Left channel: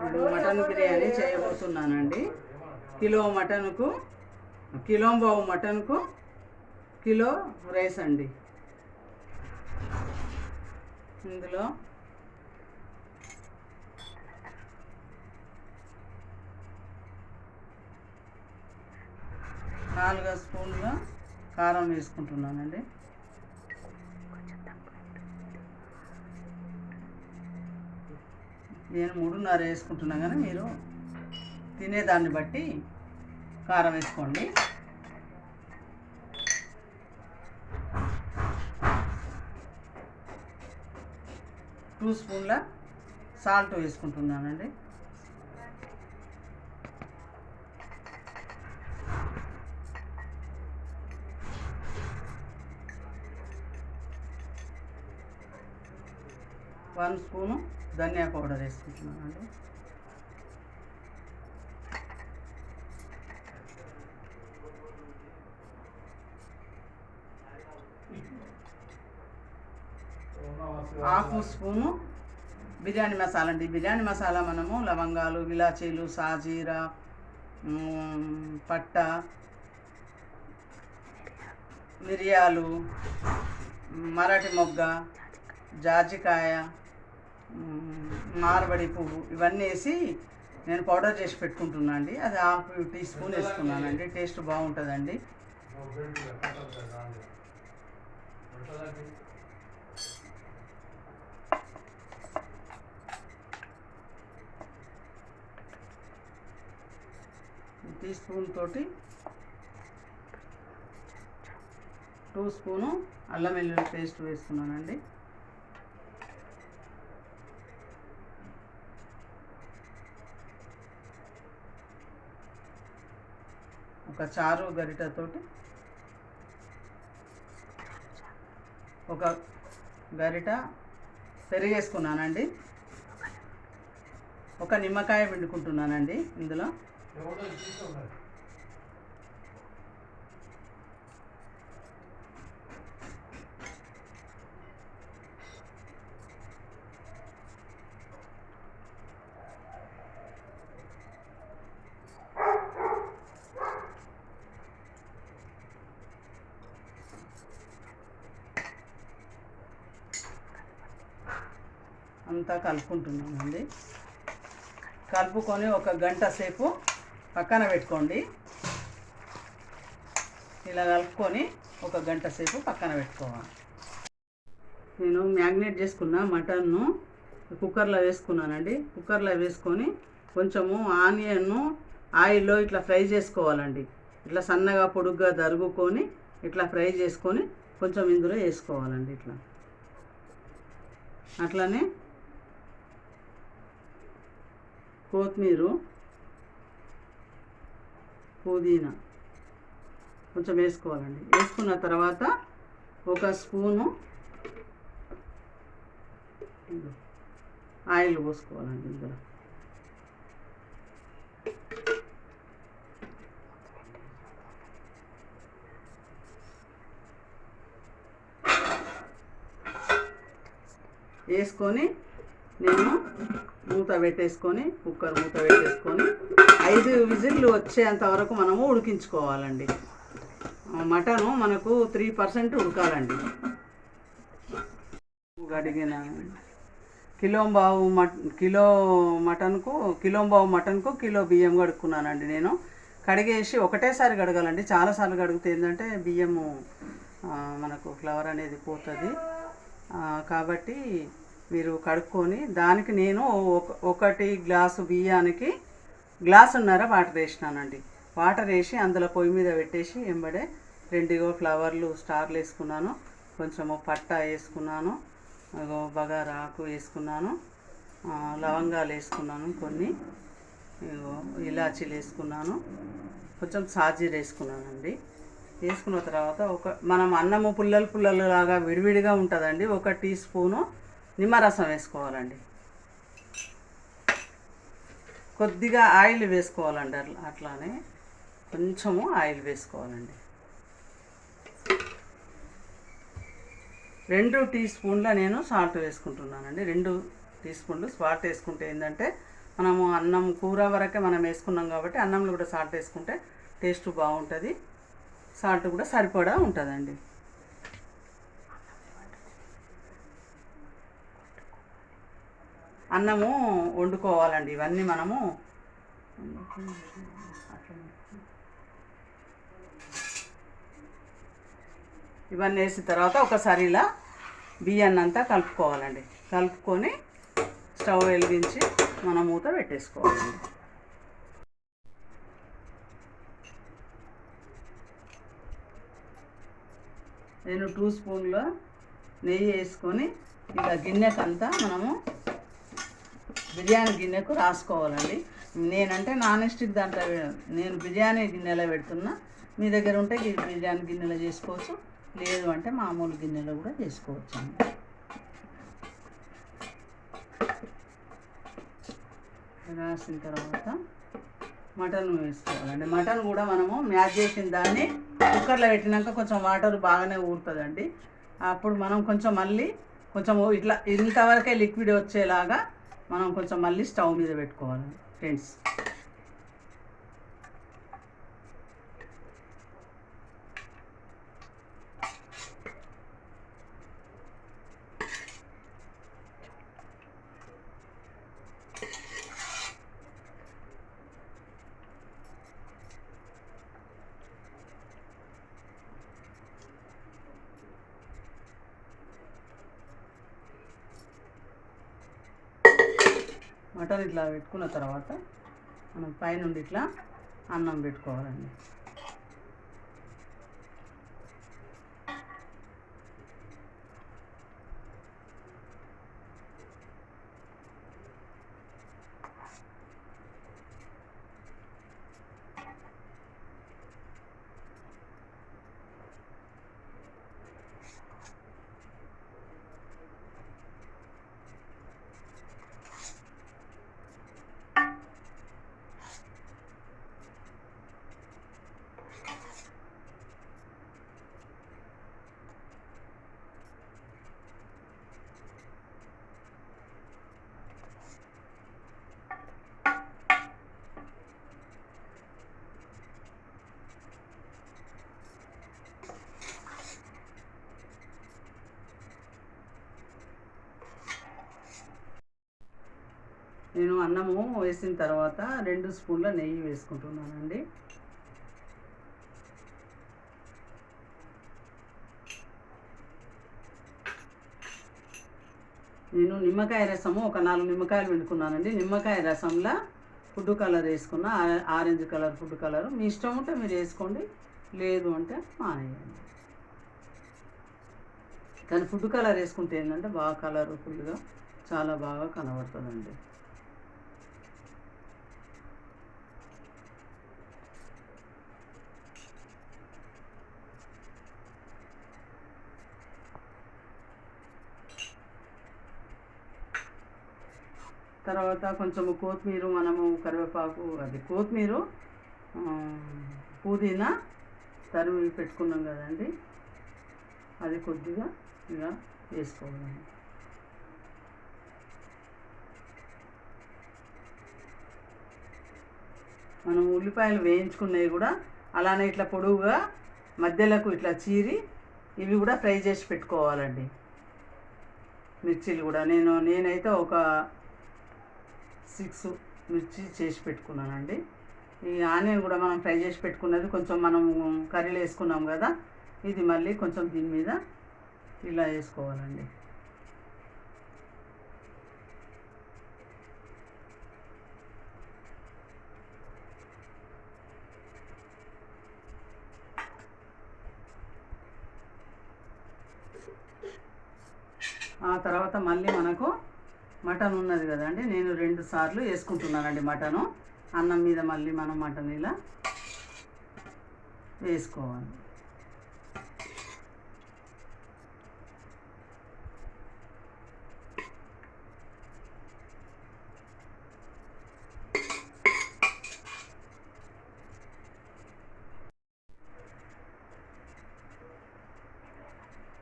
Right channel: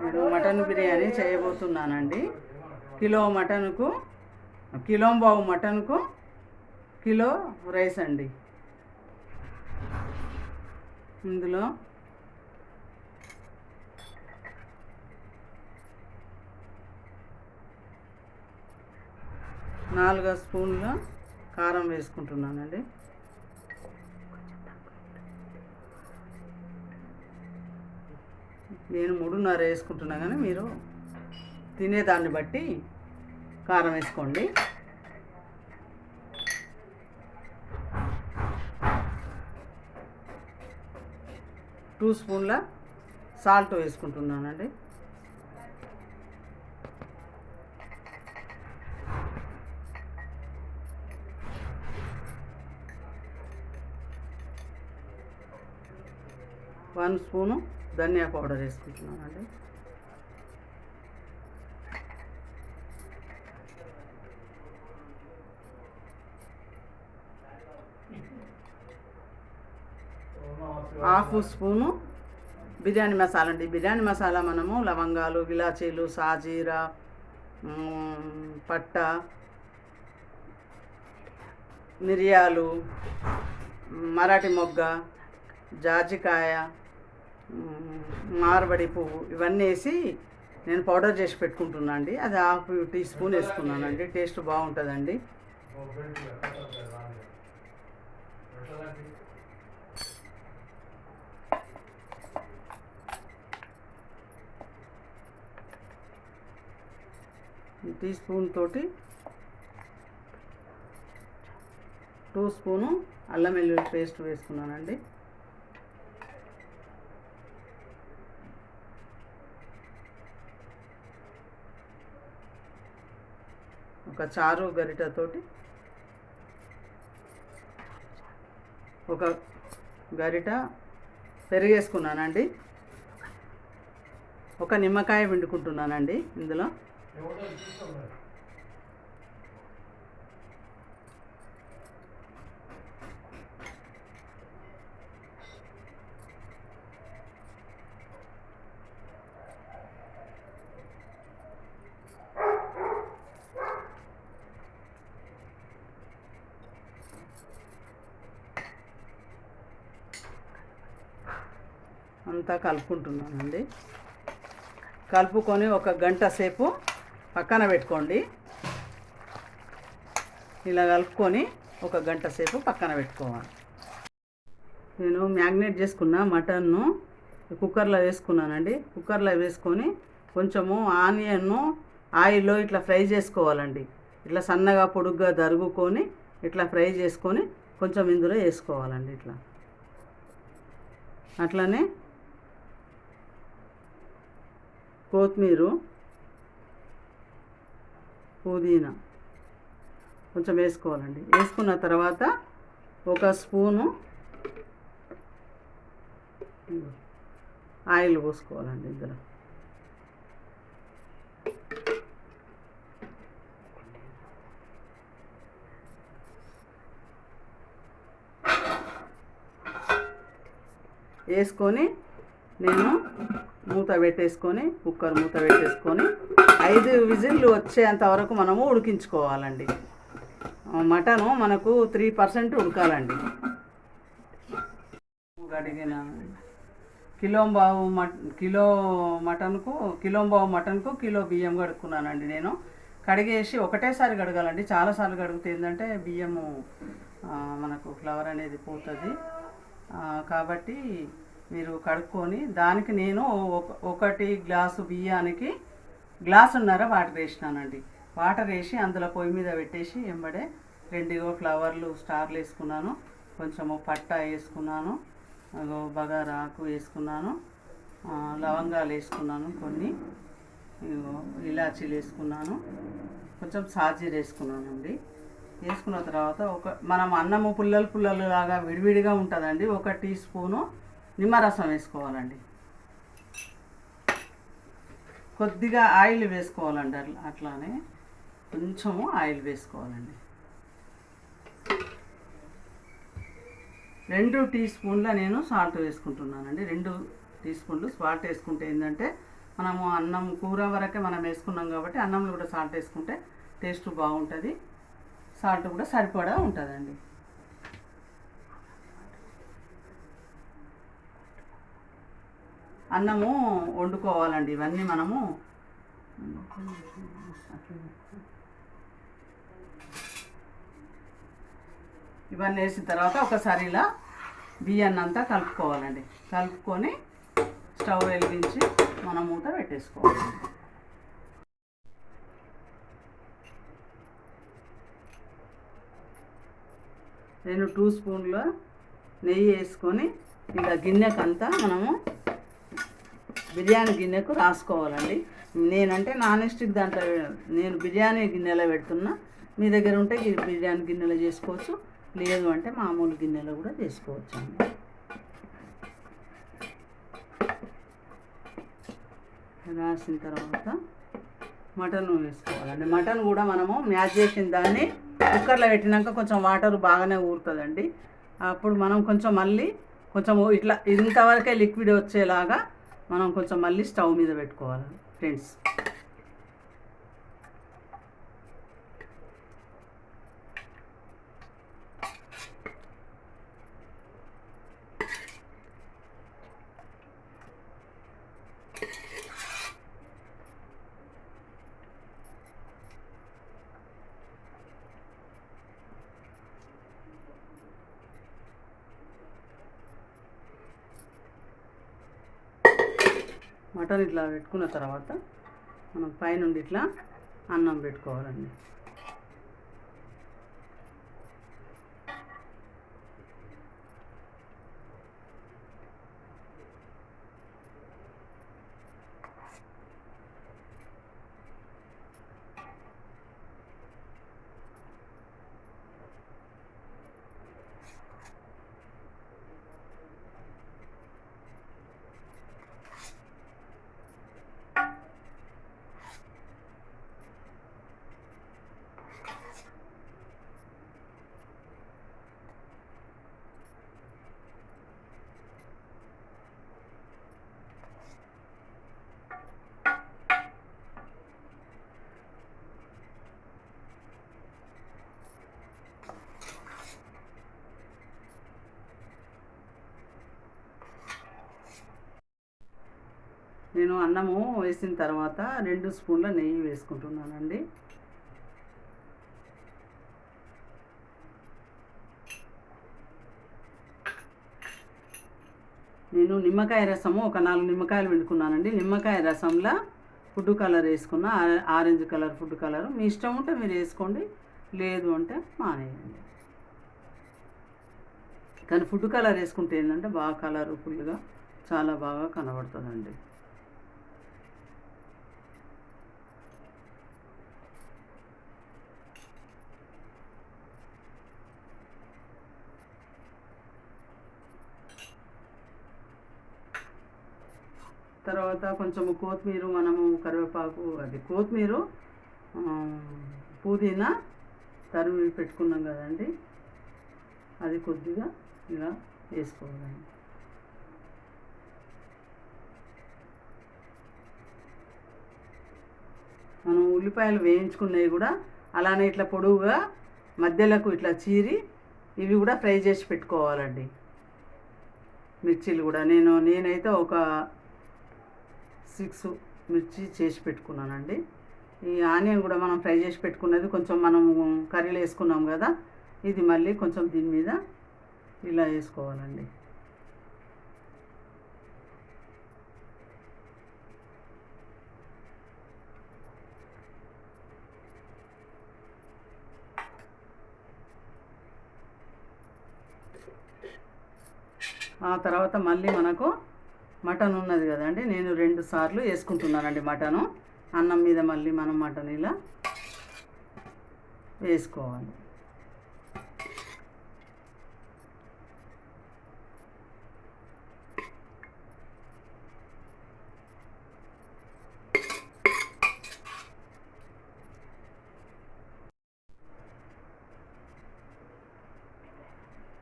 నేను మటన్ బిర్యానీ చేయబోతున్నానండి. కిలో మటన్కు కిలో బావు మటన్కు కిలో రైస్ అండి. ఇందులో నాలుగు స్పూన్ల కారం వేసుకుంటున్నానండి. నేను మూడున్నర వేసుకుంటున్నా కానీ మీరు తినేదాన్ని బట్టి కారం వేసుకోండి. టూ స్పూన్ల సాల్ట్ వేసుకుంటున్నానండి. వన్ స్పూను ధనియా పౌడర్ వేసుకుంటున్నామండి హాఫ్ స్పూను బిర్యానీ మసాలా అండి. బిర్యానీ మసాలా మనము లవంగాలు ఇలాచీలు సాజీరా పట్ట మిరియాలు మరాఠీ మొగ్గ జాజికాయ మారబడి పువ్వు ఇవన్నీ వేసి నేను పౌడర్ చేసి పెట్టుకుంటున్నా అండి అది హాఫ్ టీ స్పూన్ వేసుకున్నానండి. టేస్ట్ బాగుంటుందండి. టీ స్పూన్ తోటి టూ స్పూను అల్లం వెల్లుల్లి పేస్ట్ వేసుకున్నానండి. ఒక చారు గరిటతోటి ఒక గరిట పెరిగేసుకున్నానండి. ఒక నిమ్మకాయ పిండుకుంటున్నానండి ఇందులో. అంతా కలుపుకుంటున్నానండి. కలుపుకొని ఒక గంట సేపు పక్కన పెట్టుకోండి. ఇలా కలుపుకొని ఒక గంట సేపు పక్కన పెట్టుకోవాలి. నేను మ్యాగ్నేట్ చేసుకున్న మటన్ను కుక్కర్లో వేసుకున్నానండి. కుక్కర్లో వేసుకొని కొంచెము ఆనియన్ను ఆయిల్లో ఇట్లా ఫ్రై చేసుకోవాలండి. ఇట్లా సన్నగా పొడుగ్గా దరుగుకొని ఇట్లా ఫ్రై చేసుకొని కొంచెం ఇందులో వేసుకోవాలండి ఇట్లా. అట్లనే కొత్తిమీర పుదీనా కొంచెం వేసుకోవాలండి. వేసుకున్న తర్వాత ఒక స్పూను ఆయిల్ పోసుకోవాలండి ఇందులో. వేసుకొని నేను మూత పెట్టేసుకొని కుక్కర్ మూత పెట్టేసుకొని ఐదు విజిల్లు వచ్చేంత వరకు మనము ఉడికించుకోవాలండి. మటను మనకు త్రీ పర్సెంట్ ఉడకాలండి. అడిగిన కిలోంబావు బావు కిలో మటన్కు కిలోంబావు మటన్కు కిలో బియ్యం కడుక్కున్నానండి నేను. కడిగేసి ఒకటేసారి కడగాలండి. చాలాసార్లు కడిగితే ఏంటంటే బియ్యము మనకు ఫ్లవర్ అనేది పోతుంది. కాబట్టి మీరు కడుక్కొని దానికి నేను ఒక ఒకటి గ్లాసు బియ్యానికి గ్లాసున్నర వాటర్ వేసినానండి. వాటర్ వేసి అందులో పొయ్యి మీద పెట్టేసి వెంబడే రెండుగో ఫ్లవర్లు స్టార్లు వేసుకున్నాను. కొంచెము పట్టా వేసుకున్నాను. అగో బగారా ఆకు వేసుకున్నాను. లవంగాలు వేసుకున్నాను కొన్ని. ఇలాచీలు వేసుకున్నాను. కొంచెం సాజీర వేసుకున్నానండి. వేసుకున్న తర్వాత ఒక మనం అన్నము పుల్లలు పుల్లలు లాగా విడివిడిగా ఉంటుందండి. ఒక టీ స్పూను నిమ్మరసం వేసుకోవాలండి. కొద్దిగా ఆయిల్ వేసుకోవాలండి అట్లానే కొంచెము ఆయిల్ వేసుకోవాలండి. రెండు టీ స్పూన్ల నేను సాల్ట్ వేసుకుంటున్నానండి. రెండు టీ స్పూన్లు సాల్ట్ వేసుకుంటే ఏంటంటే మనము అన్నం కూర వరకే మనం వేసుకున్నాం కాబట్టి అన్నంలో కూడా సాల్ట్ వేసుకుంటే టేస్ట్ బాగుంటుంది. సాల్ట్ కూడా సరిపడా ఉంటుందండి. అన్నము వండుకోవాలండి. ఇవన్నీ మనము ఇవన్నీ వేసిన తర్వాత ఒకసారి ఇలా బియ్యాన్ని అంతా కలుపుకోవాలండి. కలుపుకొని స్టవ్ వెలిగించి మనం మూత పెట్టేసుకోవాలండి నేను టూ స్పూన్ల నెయ్యి వేసుకొని ఇలా గిన్నెకంతా మనము బిర్యానీ గిన్నెకు రాసుకోవాలండి. నేనంటే నాన్ స్టిక్ దాంట్లో నేను బిర్యానీ గిన్నెలో పెడుతున్నా. మీ దగ్గర ఉంటే బిర్యానీ గిన్నెలో చేసుకోవచ్చు. లేదు అంటే మామూలు గిన్నెలో కూడా చేసుకోవచ్చు అండి రాసిన తర్వాత మటన్ వేసుకోవాలండి. మటన్ కూడా మనము మ్యాచ్ చేసిన దాన్ని కుక్కర్లో పెట్టినాక కొంచెం వాటర్ బాగానే ఊరుతుందండి. అప్పుడు మనం కొంచెం మళ్ళీ కొంచెం ఇట్లా ఇంతవరకే లిక్విడ్ వచ్చేలాగా మనం కొంచెం మళ్ళీ స్టవ్ మీద పెట్టుకోవాలి ఫ్రెండ్స్. మటన్ ఇట్లా పెట్టుకున్న తర్వాత మనం పైనుండి ఇట్లా అన్నం పెట్టుకోవాలండి. అన్నము వేసిన తర్వాత రెండు స్పూన్ల నెయ్యి వేసుకుంటున్నానండి. నేను నిమ్మకాయ రసము ఒక నాలుగు నిమ్మకాయలు పిండుకున్నానండి. నిమ్మకాయ రసంలో ఫుడ్ కలర్ వేసుకున్న ఆరెంజ్ కలర్ ఫుడ్ కలర్. మీ ఇష్టం ఉంటే మీరు వేసుకోండి లేదు అంటే మానేయండి. కానీ ఫుడ్ కలర్ వేసుకుంటే ఏంటంటే బాగా కలర్ఫుల్గా చాలా బాగా కనబడుతుందండి. తర్వాత కొంచెం కొత్తిమీర మనము కరివేపాకు అది కొత్తిమీర పుదీనా తరిమి పెట్టుకున్నాం కదండి. అది కొద్దిగా ఇలా వేసుకోవాలండి మనం ఉల్లిపాయలు వేయించుకున్నవి కూడా అలానే ఇట్లా పొడవుగా మధ్యలకు ఇట్లా చీరి ఇవి కూడా ఫ్రై చేసి పెట్టుకోవాలండి. మిర్చీలు కూడా. నేను నేనైతే ఒక సిక్స్ మిర్చి చేసి పెట్టుకున్నానండి. ఈ ఆనియన్ కూడా మనం ఫ్రై చేసి పెట్టుకున్నది కొంచెం మనం కర్రీలో వేసుకున్నాం కదా ఇది మళ్ళీ కొంచెం దీని మీద ఇలా వేసుకోవాలండి. ఆ తర్వాత మళ్ళీ మనకు మటన్ ఉన్నది కదండి నేను రెండు సార్లు వేసుకుంటున్నానండి మటను. అన్నం మీద మళ్ళీ మనం మటన్ ఇలా వేసుకోవాలి.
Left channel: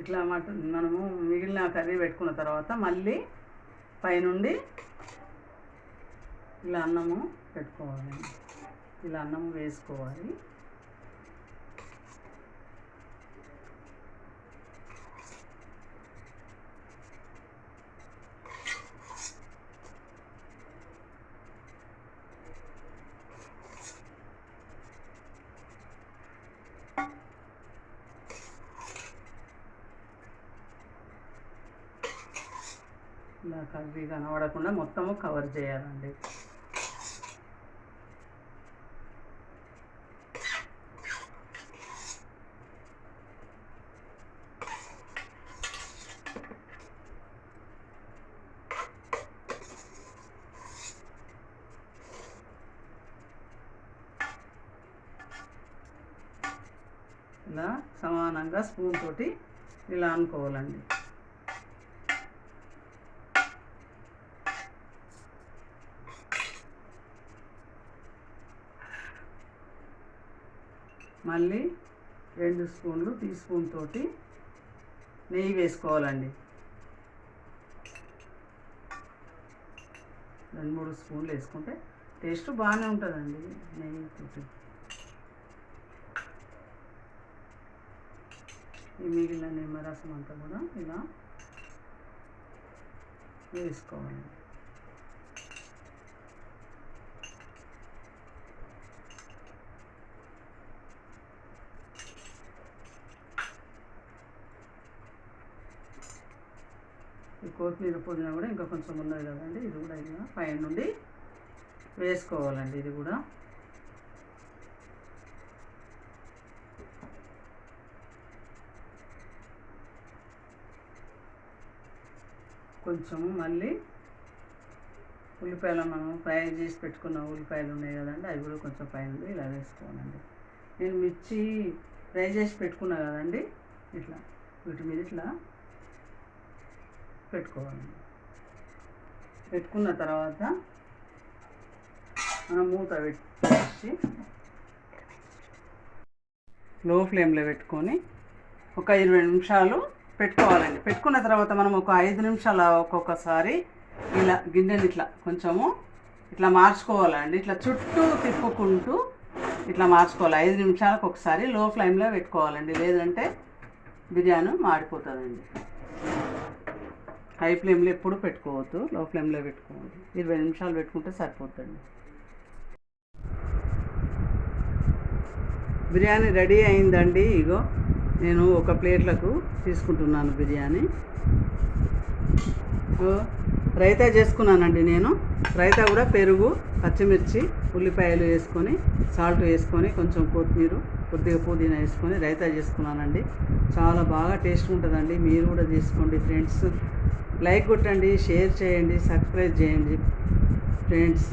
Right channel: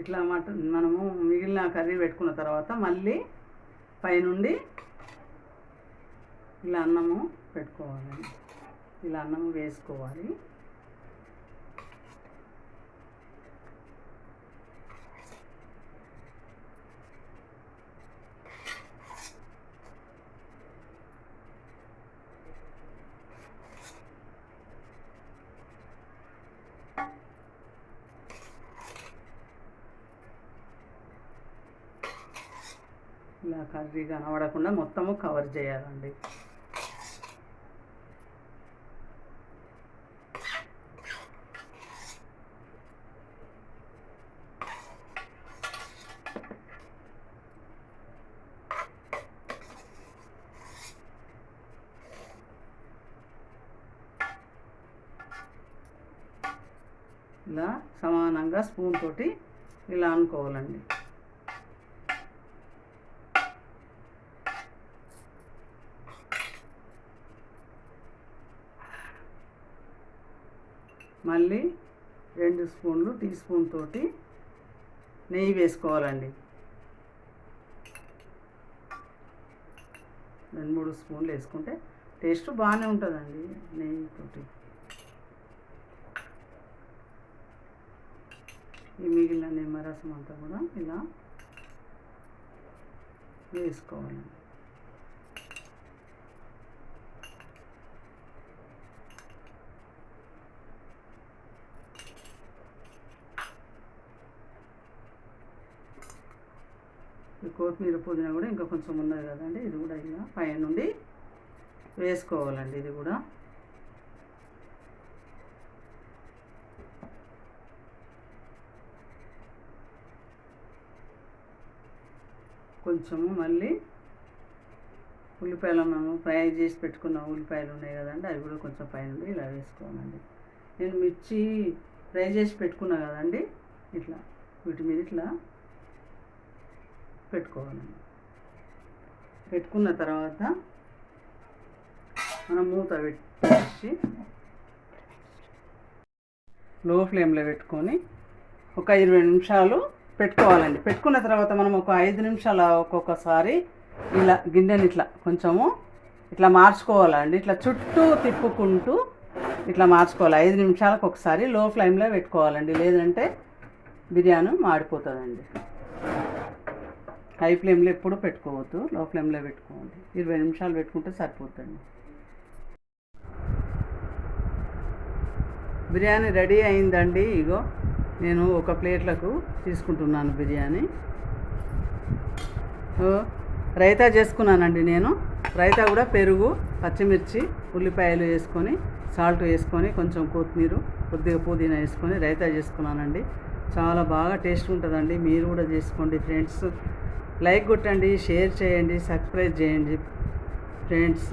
ఇట్లా మటన్ మనము మిగిలిన కర్రీ పెట్టుకున్న తర్వాత మళ్ళీ పైనుండి ఇలా అన్నము పెట్టుకోవాలి. ఇలా అన్నము వేసుకోవాలి. ఇలా కర్రీ కనబడకుండా మొత్తము కవర్ చేయాలండి. ఇలా సమానంగా స్పూన్ తోటి ఇలా అనుకోవాలండి. మళ్ళీ రెండు స్పూన్లు టీ స్పూన్ తోటి నెయ్యి వేసుకోవాలండి. రెండు మూడు స్పూన్లు వేసుకుంటే టేస్ట్ బాగానే ఉంటుందండి నెయ్యి తోటి. ఈ మిగిలిన నిమ్మరసం అంతా కూడా ఇలా వేసుకోవాలండి. ఇది కొత్తిమీర పుదీనా కూడా ఇంకా కొంచెం ఉన్నది కదండి ఇది కూడా ఇలా పైన నుండి వేసుకోవాలండి ఇది కూడా. కొంచెం మళ్ళీ ఉల్లిపాయలు మనము ఫ్రై చేసి పెట్టుకున్న ఉల్లిపాయలు ఉన్నాయి కదండి అవి కూడా కొంచెం పైన ఇలా వేసుకోవాలండి. నేను మిర్చి ఫ్రై చేసి పెట్టుకున్నా కదండి ఇట్లా వీటి మీద ఇట్లా పెట్టుకోవాలి. పెట్టుకున్న తర్వాత మనం మూత పెట్టి లో ఫ్లేమ్లో పెట్టుకొని ఒక ఇరవై నిమిషాలు పెట్టుకోవాలండి. పెట్టుకున్న తర్వాత మనం ఒక ఐదు నిమిషాలు ఒక్కొక్కసారి ఇలా గిన్నెని ఇట్లా కొంచెము ఇట్లా మార్చుకోవాలండి. ఇట్లా చుట్టూ తిప్పుకుంటూ ఇట్లా మార్చుకోవాలి. ఐదు నిమిషాలకు ఒకసారి లో ఫ్లేమ్లో పెట్టుకోవాలండి. లేదంటే బిర్యానీ మాడిపోతుందండి. హై ఫ్లేమ్లో ఎప్పుడు పెట్టుకోవద్దు లో ఫ్లేమ్లో పెట్టుకోవాలి ఇరవై నిమిషాలు పెట్టుకుంటే సరిపోతుంది బిర్యానీ రెడీ అయిందండి ఇగో నేను ఒక ప్లేట్లకు తీసుకుంటున్నాను బిర్యానీ. రైతా చేసుకున్నానండి నేను. రైతా కూడా పెరుగు పచ్చిమిర్చి ఉల్లిపాయలు వేసుకొని సాల్ట్ వేసుకొని కొంచెం కొత్తిమీర కొద్దిగా పుదీనా వేసుకొని రైతా చేసుకున్నానండి. చాలా బాగా టేస్ట్ ఉంటుందండి. మీరు కూడా చేసుకోండి ఫ్రెండ్స్. లైక్ కొట్టండి షేర్ చేయండి సబ్స్క్రైబ్ చేయండి ఫ్రెండ్స్.